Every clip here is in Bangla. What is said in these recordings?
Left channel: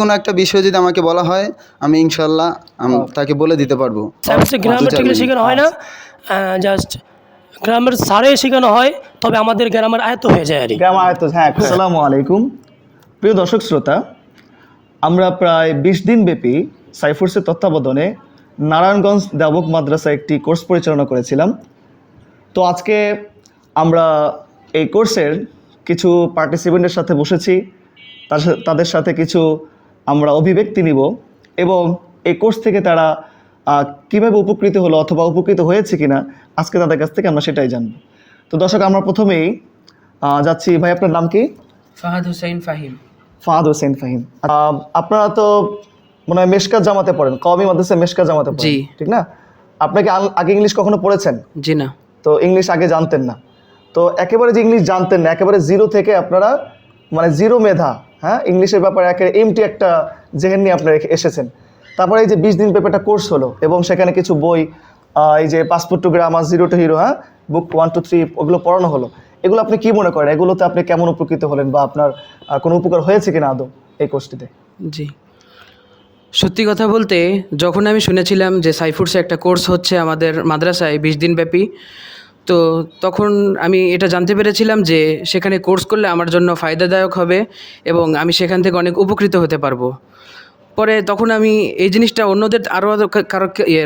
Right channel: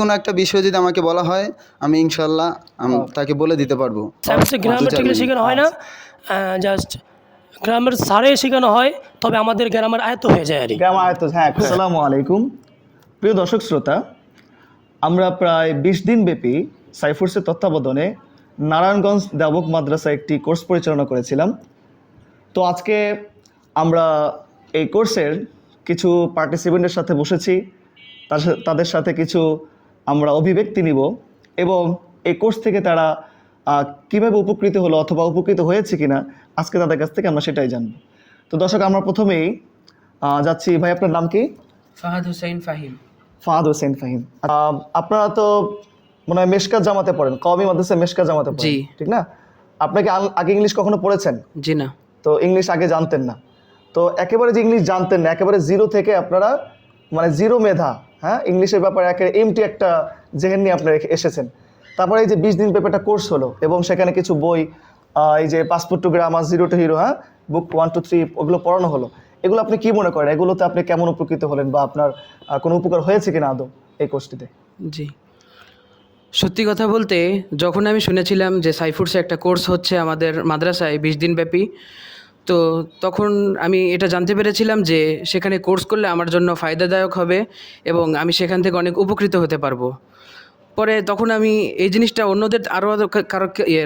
কোনো একটা বিষয় যদি আমাকে বলা হয় আমি ইনশাল্লাহ তাকে বলে দিতে পারবো। গ্রামার শেখানো হয় না, জাস্ট গ্রামার সারে শেখানো হয়, তবে আমাদের গ্রামার আয়ত্ত হয়ে যায় আর কি। গ্রামার আয়ত্ত, হ্যাঁ। আসসালামু আলাইকুম প্রিয় দর্শক শ্রোতা, আমরা প্রায় 20 দিন ব্যাপী সাইফুরসের তত্ত্বাবধানে নারায়ণগঞ্জ দেওবন্দ মাদ্রাসায় একটি কোর্স পরিচালনা করেছিলাম। তো আজকে আমরা এই কোর্সের কিছু পার্টিসিপেন্টের সাথে বসেছি, তাদের সাথে কিছু আমরা অভিব্যক্তি নিব এবং এই কোর্স থেকে তারা কীভাবে উপকৃত হলো অথবা উপকৃত হয়েছে কিনা আজকে তাদের কাছ থেকে আমরা সেটাই জানব। তো দর্শক, আমরা প্রথমেই যাচ্ছি। ভাই, আপনার নাম কি? ফাহাদ হোসেন ফাহিম। ফাহাদ হোসেন ফাহিম। আপনারা তো মনে হয় মেশকাত জামাতে পড়েন, কওমি মাদ্রাসায় মেশকাত জামাতে পড়েন, ঠিক না? আপনাকে আগে ইংলিশ কখনো পড়েছেন? জি না। তো ইংলিশ আগে জানতেন না, তো একেবারে যে ইংলিশ জানতেন না, একেবারে জিরো থেকে আপনারা মানে জিরো মেধা, হ্যাঁ, ইংলিশের ব্যাপারে এমটি একটা জেহেন নিয়ে আপনারা এসেছেন। তারপরে এই যে 20 দিন ব্যাপারটা কোর্স হলো এবং সেখানে কিছু বই, এই যে passport to grammar, zero two hero, হ্যাঁ, বুক 1 2 3 ওগুলো পড়ানো হলো। এগুলো আপনি কি মনে করেন, এগুলোতে আপনি কেমন উপকৃত হলেন বা আপনার কোনো উপকার হয়েছে কিনা আদৌ এই কোর্সটিতে? জি, সত্যি কথা বলতে যখন আমি শুনেছিলাম যে সাইফুরসে একটা কোর্স হচ্ছে আমাদের মাদ্রাসায় 20 দিন ব্যাপী, তো তখন আমি এটা জানতে পেরেছিলাম যে সেখানে কোর্স করলে আমার জন্য ফায়দাদায়ক হবে এবং আমি সেখান থেকে অনেক উপকৃত হতে পারবো। পরে তখন আমি এই জিনিসটা অন্যদের আরও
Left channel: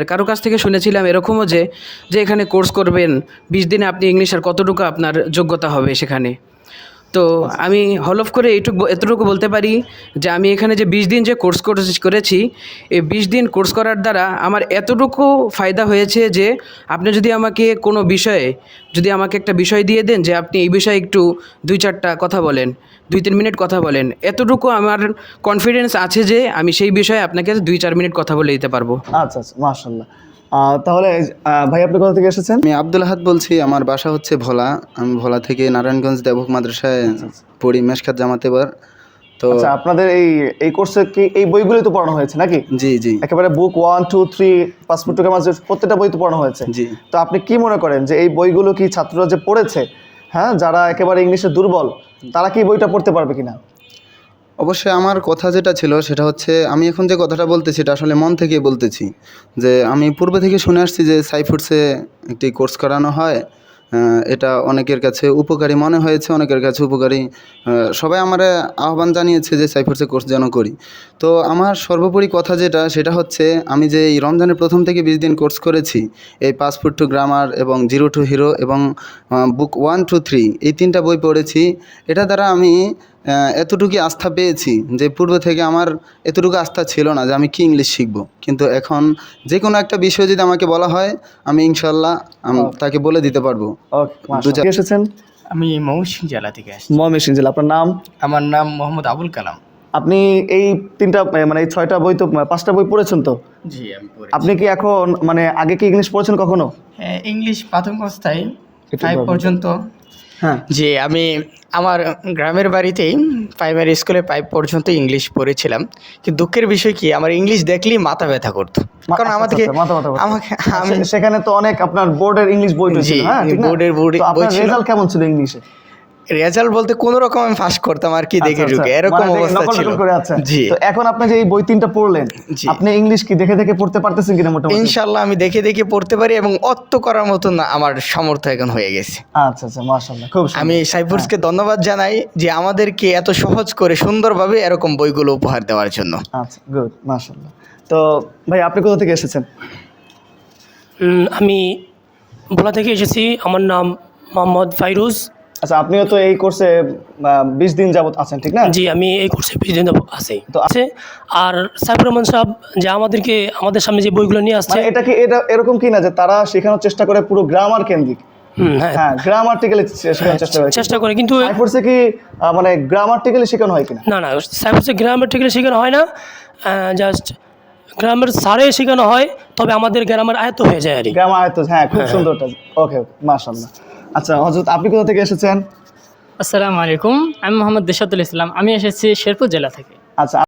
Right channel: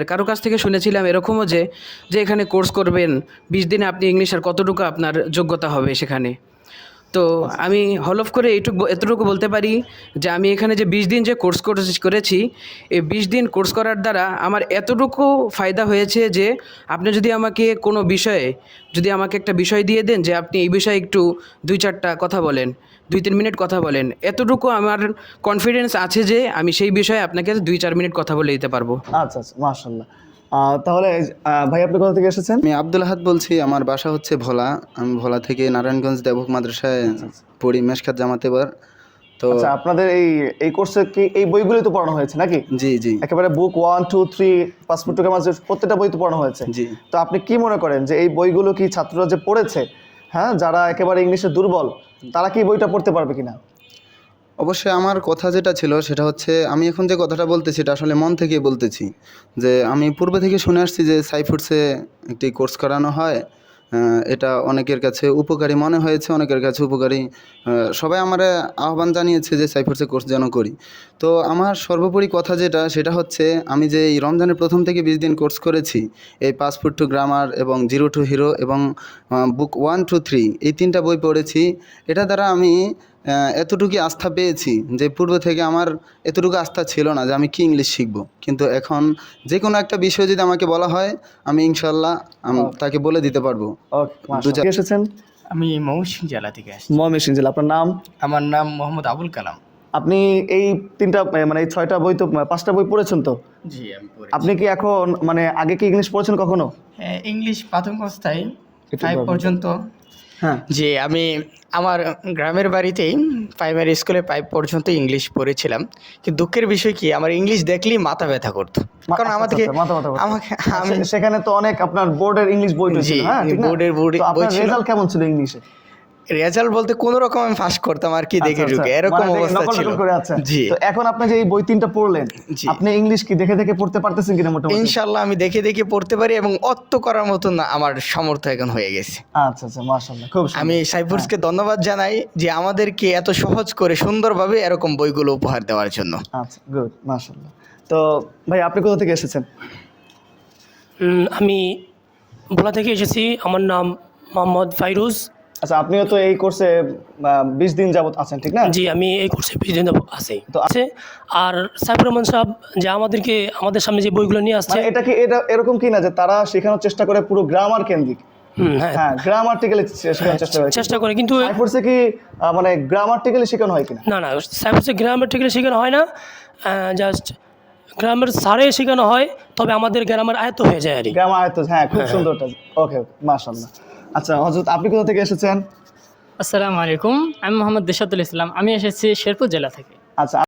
কারো কাছ থেকে শুনেছিলাম এরকমও যে এখানে কোর্স করবেন 20 দিনে আপনি ইংলিশ আর কতটুকু আপনার যোগ্যতা হবে সেখানে। তো আমি হলফ করে এতটুকু বলতে পারি যে আমি এখানে যে 20 দিন যে কোর্স করেছি, এই 20 দিন কোর্স করার দ্বারা আমার এতটুকু ফায়দা হয়েছে যে আপনি যদি আমাকে কোনো বিষয়ে আমাকে একটা বিষয় দিয়ে দেন যে আপনি এই বিষয়ে একটু 2-4টা কথা বলেন, 2-3 মিনিট কথা বলেন, এতটুকু আমার কনফিডেন্স আছে যে আমি সেই বিষয়ে আপনাকে 2-4 মিনিট কথা বলে দিতে পারবো। আচ্ছা আচ্ছা, মাশাআল্লাহ। তাহলে ভাই, আপনি কোথা থেকে এসেছেন? আমি আব্দুল আহাদ বলছি, আমার বাসা হচ্ছে ভোলা। আমি ভোলা থেকে নারায়ণগঞ্জ দেওবন্দ মাদ্রাসায় পড়ি, মেশকাত জামাতে বার। তো আচ্ছা, আপনাদের এই কোর্সে কি এই বইগুলো তো পড়ানো হয়েছে নাকি? জি জি, একেবারে বুক 1 2 3 পাসপোর্ট টু গ্রামার প্রত্যেকটা বই তো পড়ানো হয়েছে। জি। তো আপনি কি মনে করেন যে এই বইগুলো কি ছাত্ররা যে পড়েছে, হ্যাঁ, যারা একেবারে ইংলিশে দুর্বল, তারা কি বইটা পড়তে পারবে কিনা? অবশ্যই আমার কথা যেটা ছিল সেটা হচ্ছে, আমি এখন যে কথাটা বলতেছি এটা আসলে মন থেকে বলতেছি, যে আমি পূর্বে থেকে শুনে আসছি যে সাইফুরসে একটি কোর্স করানো হয়। এটা অনেকের কাছে উপকারী মনে হয়েছে, অনেকের কাছে উপকারী। সবাই আমার আহ্বান জানিয়েছে যে সাইফুরসে কোর্স যেন করি। তো আমার সর্বোপরি কথা সেটা হচ্ছে, আমি যে এই রমজানের প্রথম থেকে 20 দিন কোর্স করেছি, এই পাসপোর্ট টু গ্রামার এবং জিরো টু হিরো এবং বুক 1 2 3 এই 3টা বই পড়েছি। এটা দ্বারা আমি এতটুকু আস্থা পেয়েছি যে পূর্ব থেকে আমার এতটুকু আস্থা ছিল না যে আমি কি ইংলিশ শিখব, কিন্তু এখন যে কোনো একটা বিষয় যদি আমাকে বলা হয় আমি ইনশাল্লাহ তাকে বলে দিতে পারবো। ওকে, এসেছেন? আমি ময়মনসিংহ জেলা থেকে আসছি। ময়মনসিংহ জেলা। আপনার নাম? আমার নাম মোহাম্মদ আবুল কালাম। আপনি এই 3টা মানে এই 6টা বই তো 5টা বই পড়েছেন তো? জি, আমি পড়েছি। আপনি কি এখন মানে আগে কি ইংলিশ পড়েছেন কখনো? হ্যাঁ, ইংলিশ প্রাথমিক অবস্থায় 5 পর্যন্ত। হ্যাঁ, যে আমি আমার গ্রামের বাড়িতেই প্রাইমারি স্কুলে 5 পর্যন্ত ইংলিশ পড়েছিলাম, কিন্তু দুঃখের বিষয় কি আমার ইংলিশ দেখলেই মাথা ব্যথা করতো, কারণ আমাদেরকে আমি সেখানে তো অনেক আপনার বোর্ডের ইংলিশ বই ছিল, হ্যাঁ, ঠিক না? বোর্ডের তো আপনার বই ছিল। রেজাল্ট কেমন ছিল ইংলিশে? রেজাল্ট বলতে কোনো রকম আমি পাস করতাম আর কি, দেখে ঢুকে এরকম অবস্থা ছিল। জি। তো এখন আপনি যে এই বই 3টা পড়লেন, আপনি ইংলিশ কি দেখে দেখে পড়তে পারতেছেন কিনা মোটামুটি? ইনশাআল্লাহ আমি দেখে দেখে পড়তে পারি এবং অত্ত করার মতো না আমার সামর্থ্য এখন হয়ে গেছে। আচ্ছা আচ্ছা, মাশাআল্লাহ, খুব সুন্দর। আমি সাইফুরসকে ধন্যবাদ জানাই যে আমাদেরকে এত সহজ করে সুন্দরভাবে এরকম বইগুলো উপহার দেওয়ার জন্য। আচ্ছা, গুড, মাশাআল্লাহ। তো ভাই, আপনি কোথা থেকে এসেছেন? আমি ভোলা থেকে এসেছি, আমার নাম মোহাম্মদ ফাইরুজ। আচ্ছা, আপনিও তো এই কোর্সে 20 দিন যাবত আছেন, ঠিক না? জি, আমি এই কোর্সে 20 দিন আছি তো আছে। আর সাইফুর রহমান সাহেব যে আমাদের সামনে যে বইগুলো নিয়ে আসছে, এটা এরকম কি না যে তারা শেখানোর চেষ্টা করে পুরো গ্রামার কেন্দ্রিক? হ্যাঁ, গ্রামাটিক্যালি শেখানোর চেষ্টা করে, কিন্তু সাইফুরসে কি মানে গ্রামাটিক্যালি শেখানো হয় কিনা? না, সাইফুরসে গ্রামাটিক্যালি শেখানো হয় না, জাস্ট গ্রামার সারে শেখানো হয়, তবে আমাদের গ্রামার আয়ত্ত হয়ে যায় আর কি। গ্রামার আয়ত্ত, হ্যাঁ, খুব সুন্দর। ওকে, মাশাআল্লাহ। আচ্ছা হযরত, আপনি কোথা থেকে এসেছেন? আসসালামু আলাইকুম, আমি মোহাম্মদ দেশাতুল ইসলাম। আমি এসেছি শেরপুর জেলা থেকে। আচ্ছা।